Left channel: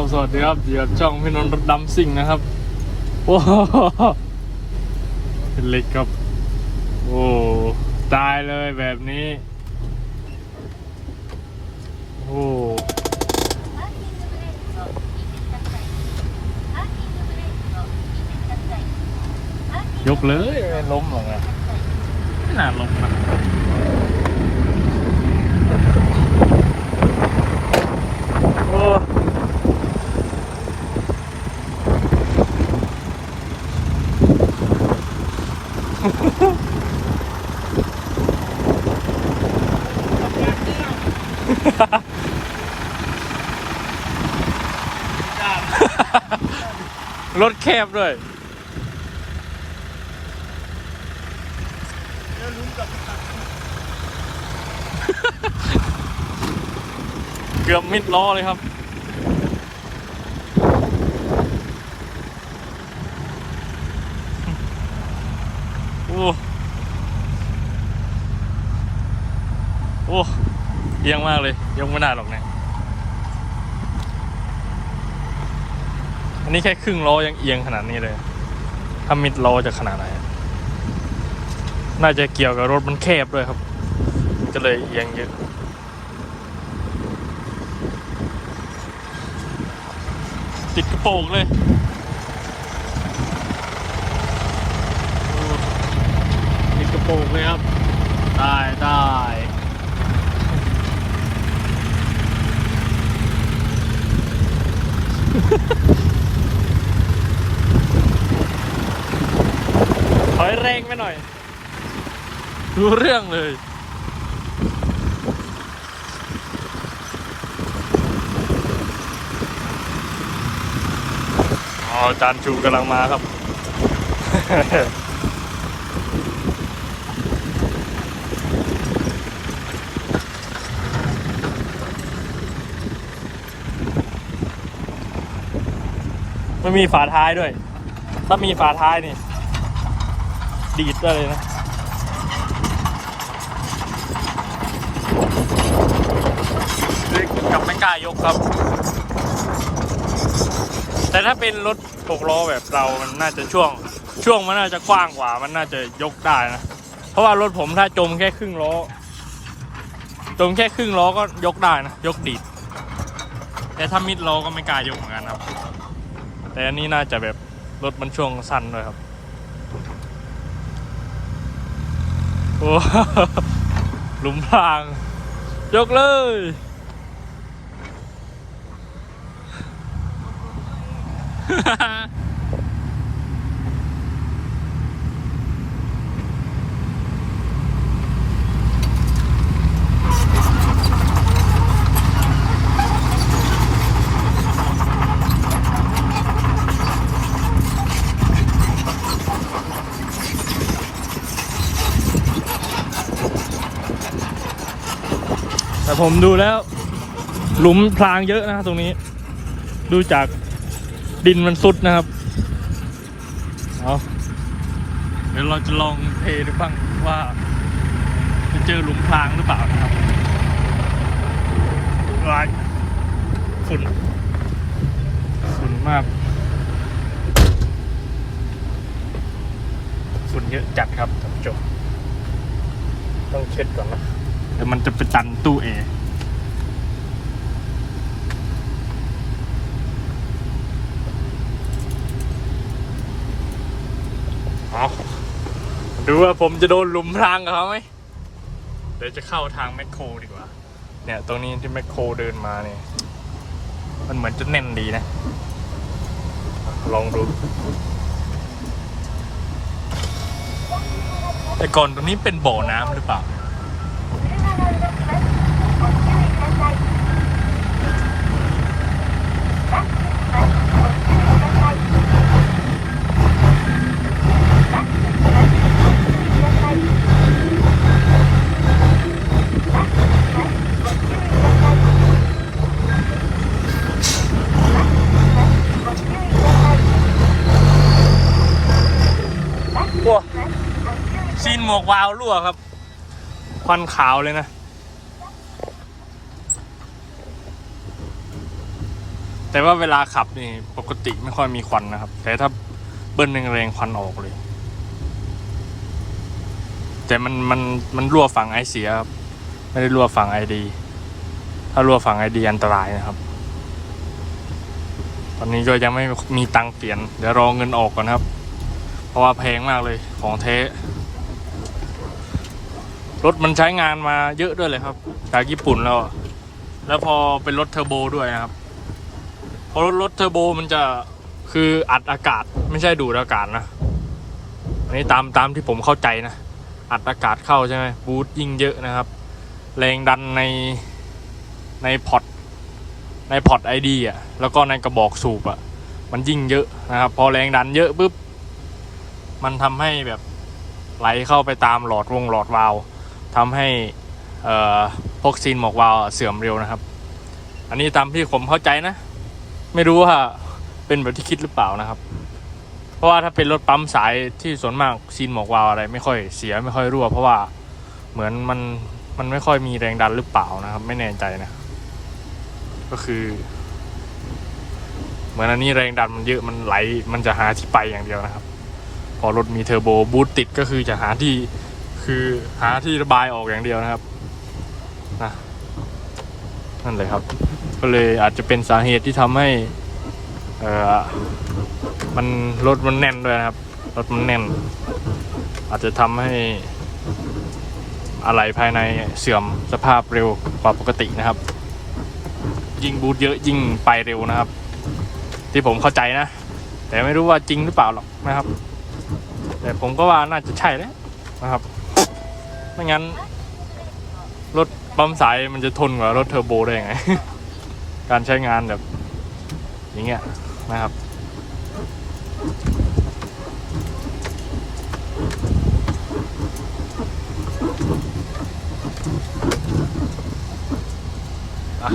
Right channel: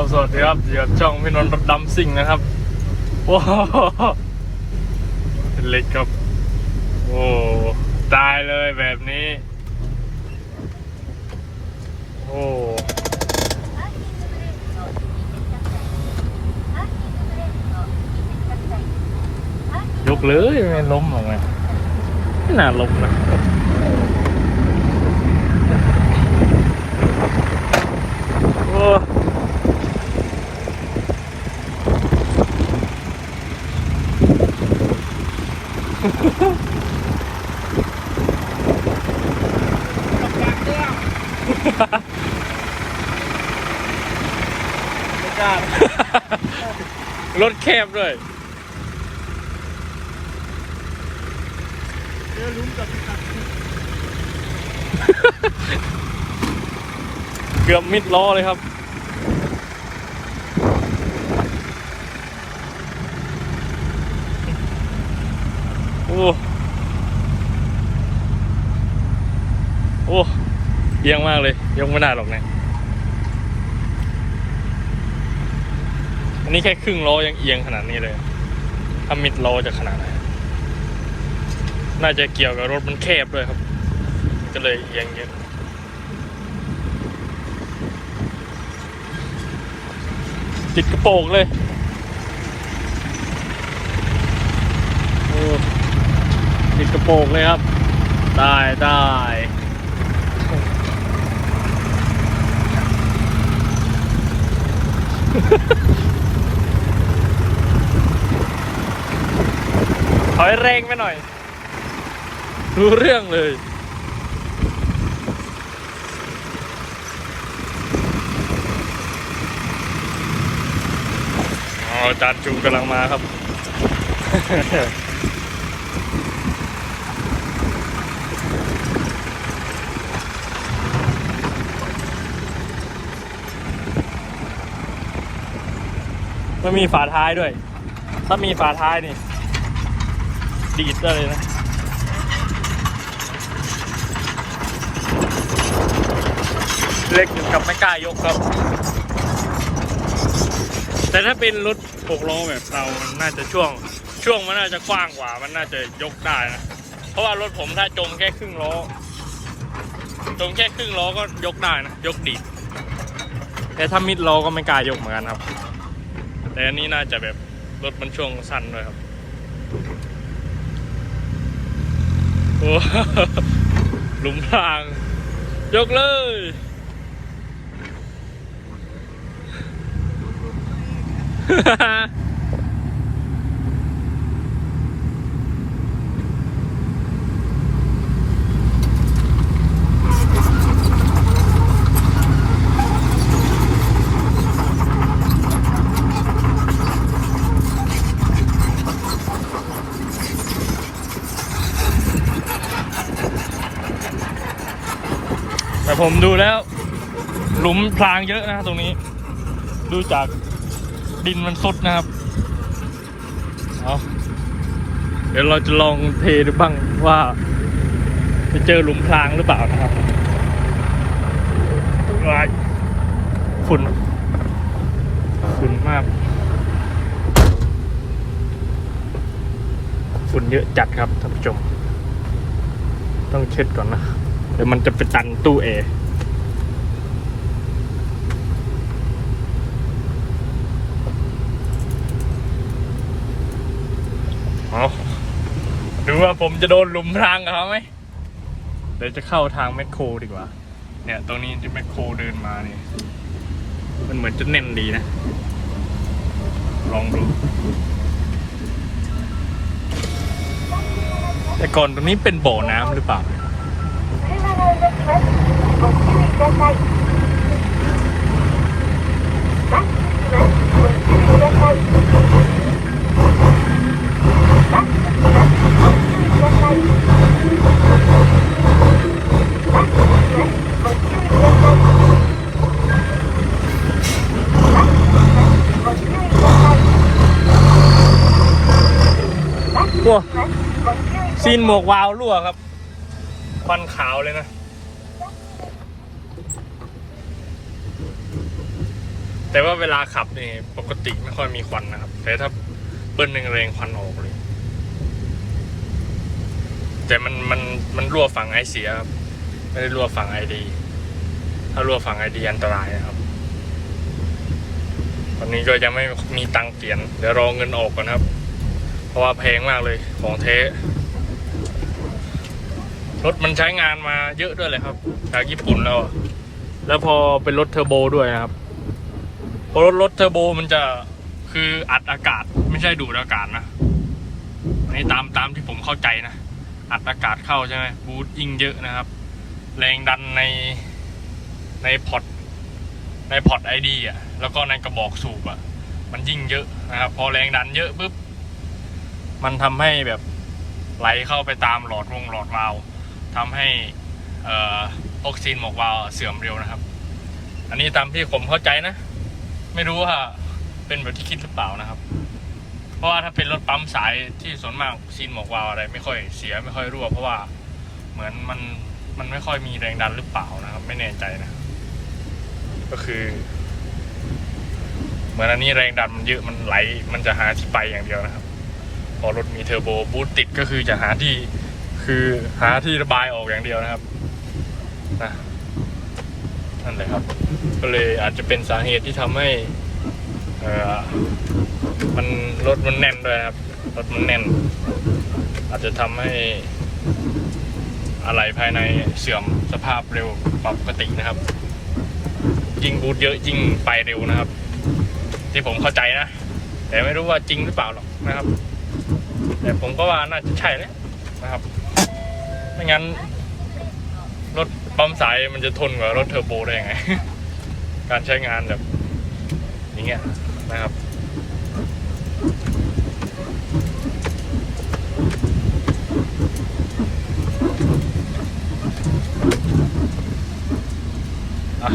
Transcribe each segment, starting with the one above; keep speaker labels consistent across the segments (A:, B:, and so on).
A: สวัสดีครับเดี๋ยวช่องพี่นนท์ดำซิ่งนะครับ โอ้เป็นเล็กครับ โอ้ ตายเลยแบบนี้ โอ้ยกเลยไม่ล้มไม่น่าล้มนะ รถแคบด้วยเกือบมิดล้อเลยครับโอ้โอ้เอียงมากเลยยกไม่ได้หรอกเนี่ย นนี้แค่ครึ่งล้อยังเอียงขนาดนี้เลย ถ้ามิดล้อจะขนาดไหน น่าจะเกี่ยวกับรถมันแคบด้วยครับ มันก็เลยเอียงเยอะติดกระโปรงเลยติดกระโปรงเลยครับ ได้ได้ อยแรงไปหน่อย รู้เรื่องเลยอ๋อจานจูกำลังมาครับ ไม่มีฝาท้ายด้วย ถ้ามีฝาท้ายนี่ ดีดได้เลยนะเล็กถึงกับไม่กล้ายกครับ แต่ถ้าเป็นรถหกล้อแบบเรามันน่าจะช่วง ช่วงมันน่าจะกว้างกว่า มันน่าจะยกได้นะ เพราะว่ารถผมถ้าจมแค่ครึ่งล้อ จมแค่ครึ่งล้อก็ยกได้นะ ยกดีด แต่ถ้ามิดล้อก็ไม่กล้ายกเหมือนกันครับ แต่อันนี้น่าจะแบบรถมันช่วงสั้นด้วยครับ โอ้หลุมพราง ยกเลยแต่ ผมดูแล้ว หลุมพรางเยอะนะตรงนี้ ดูจากดินมันซุดนะครับเดี๋ยวเราจะลองเทดูบ้างว่าจะเจอหลุมพรางหรือเปล่านะครับวายฝุ่นฝุ่นมากฝุ่นเยอะจัดครับท่านผู้ชมต้องเช็ดก่อนนะ เดี๋ยวมันจะไปตันตู้แอร์เอาดูว่าผมจะโดนหลุมพรางกับเขาไหมเดี๋ยวจะเข้าทางแมคโครดีกว่า เนี่ย ตรงนี้ที่แมคโครเดินมาเนี่ย มันเหมือนจะแน่นดีนะ ลองดูแต่ก่อนตรงนี้เป็นบ่อน้ำหรือเปล่าเนี่ย โอ้ ซีนหมวกวาวรั่วครับ ควันขาวเลยนะ แต่ว่าเวลาขับนี่ปกติไม่ค่อยมีควันนะครับ แต่ถ้าเบิ้ลแรงๆควันออกเลย แต่มันมันมันรั่วฝั่งไอเสียครับไม่ได้รั่วฝั่งไอดี ถ้ารั่วฝั่งไอดีอันตรายนะครับ ตอนนี้ก็ยังไม่มีตังค์เปลี่ยน เดี๋ยวรอเงินออกก่อนครับ เพราะว่าแพงมากเลยของเทรถมันใช้งานมาเยอะด้วยเลยครับจากญี่ปุ่นแล้ว แล้วพอเป็นรถเทอร์โบด้วยนะครับ พอรถรถเทอร์โบมันจะคืออัดอากาศไม่ใช่ดูดอากาศนะอันนี้ตามตามที่ผมเข้าใจนะ อัดอากาศเข้าใช่ไหมบูทยิ่งเยอะนะครับ แรงดันในในพอร์ตในพอร์ตไอดีอะแล้วก็ในกระบอกสูบอะ มันยิ่งเยอะนะครับ พอแรงดันเยอะปุ๊บมันทำให้แบบไหลเข้าไปตามหลอดวงหลอดวาล์วทำให้เอ่อพวกซีนหมอกวาล์วเสื่อมเร็วนะครับ อันนี้ตามที่ผมเข้าใจนะ ไม่รู้ว่าเป็นแบบที่คิดหรือเปล่านะครับ เพราะว่าถ้าเป็นรถปั๊มสายที่ส่วนมากซีนหมอกวาวอะไร ไม่ค่อยเสียไม่ค่อยรั่ว เพราะว่าเหมือนมันมันไม่ค่อยมีแรงดันหรือเปล่านะครับ ไม่แน่ใจนะ ก็คือ เหมือนอันนี้แรงดันมันเยอะมันไหล มันจะหาที่ไปอย่างเดียวนะครับ พอรถมีเทอร์โบบูตติดก็คือจะหาที่คือหาที่ระบายออกอย่างเดียวนะครับนะ นั่นเลยครับ ก็เลยอาจจะเป็นสาเหตุที่ทำให้ เออมันรถมันแน่นด้วยครับรถมันแน่น อาจจะทำให้อะไรภายในเสื่อมสภาพเร็วกว่าปกตินะครับ ยิ่งบูทเยอะยิ่งไปเร็วนะครับ ที่ผมเข้าใจนะ แต่ไม่รู้ว่าจริงหรือเปล่าหรอกนะครับ แต่ผมก็ว่าน่าจะใช่แล้วนะครับไม่งั้นรถ ปั๊มสายมันจะทนกว่ารถเทอร์โบได้ยังไง การใช้งานแบบอย่างเงี้ยนะครับอะ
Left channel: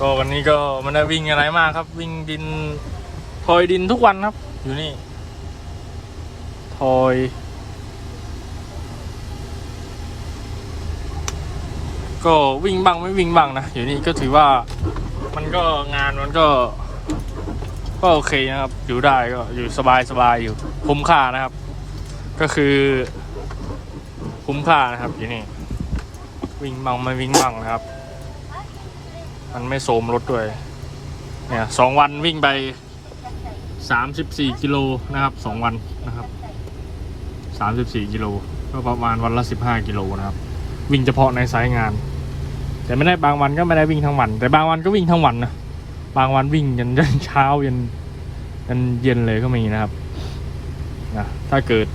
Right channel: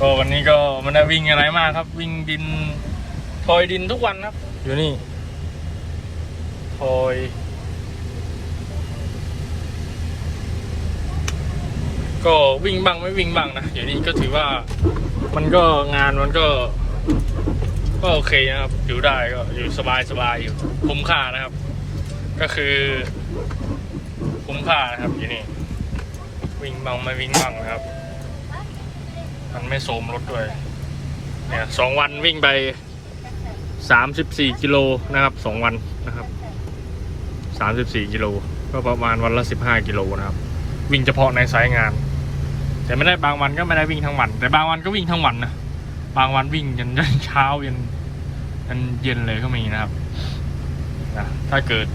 A: ก็วันนี้ก็ไมันได้วิ่งอะไรมากครับ วิ่งดินพลอยดินทุกวันครับ อยู่นี่พลอย ก็วิ่งบ้างไม่วิ่งบ้างนะอยู่นี่ก็ถือว่ามันก็งานมันก็ ก็โอเคนะครับอยู่ได้ก็อยู่สบายสบายอยู่คุ้มค่านะครับ ก็คือคุ้มค่านะครับอยู่นี่วิ่งบ้างไม่วิ่งบ้างนะครับ มันไม่โสมรถด้วยเนี่ยสองวันวิ่งไปสามสิบสี่กิโลนะครับสองวันนะครับสามสิบสี่กิโลก็ประมาณวันละสิบห้ากิโลนะครับ วิ่งเฉพาะในสายงาน แต่ไม่ได้บางวันก็ไม่ได้วิ่งทั้งวัน แต่บางวันก็วิ่งทั้งวันนะบางวันวิ่งยันยันเช้ายันยันเย็นเลยก็มีนะครับนะถ้าเกิด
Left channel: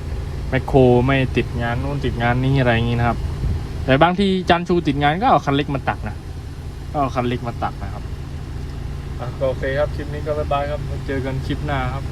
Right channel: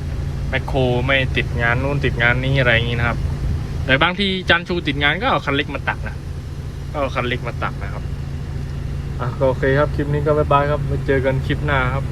A: แมคโครไม่ติดงานนู่นติดงานนี้อะไรอย่างนี้นะครับ แต่บางทีจันชูติดงานก็เอาคันเล็กมาตัดนะก็เอาคันเล็กมาตัดนะครับอะโอเคครับคลิปนี้ก็บ๊ายบายครับเจอกันคลิปหน้าครับ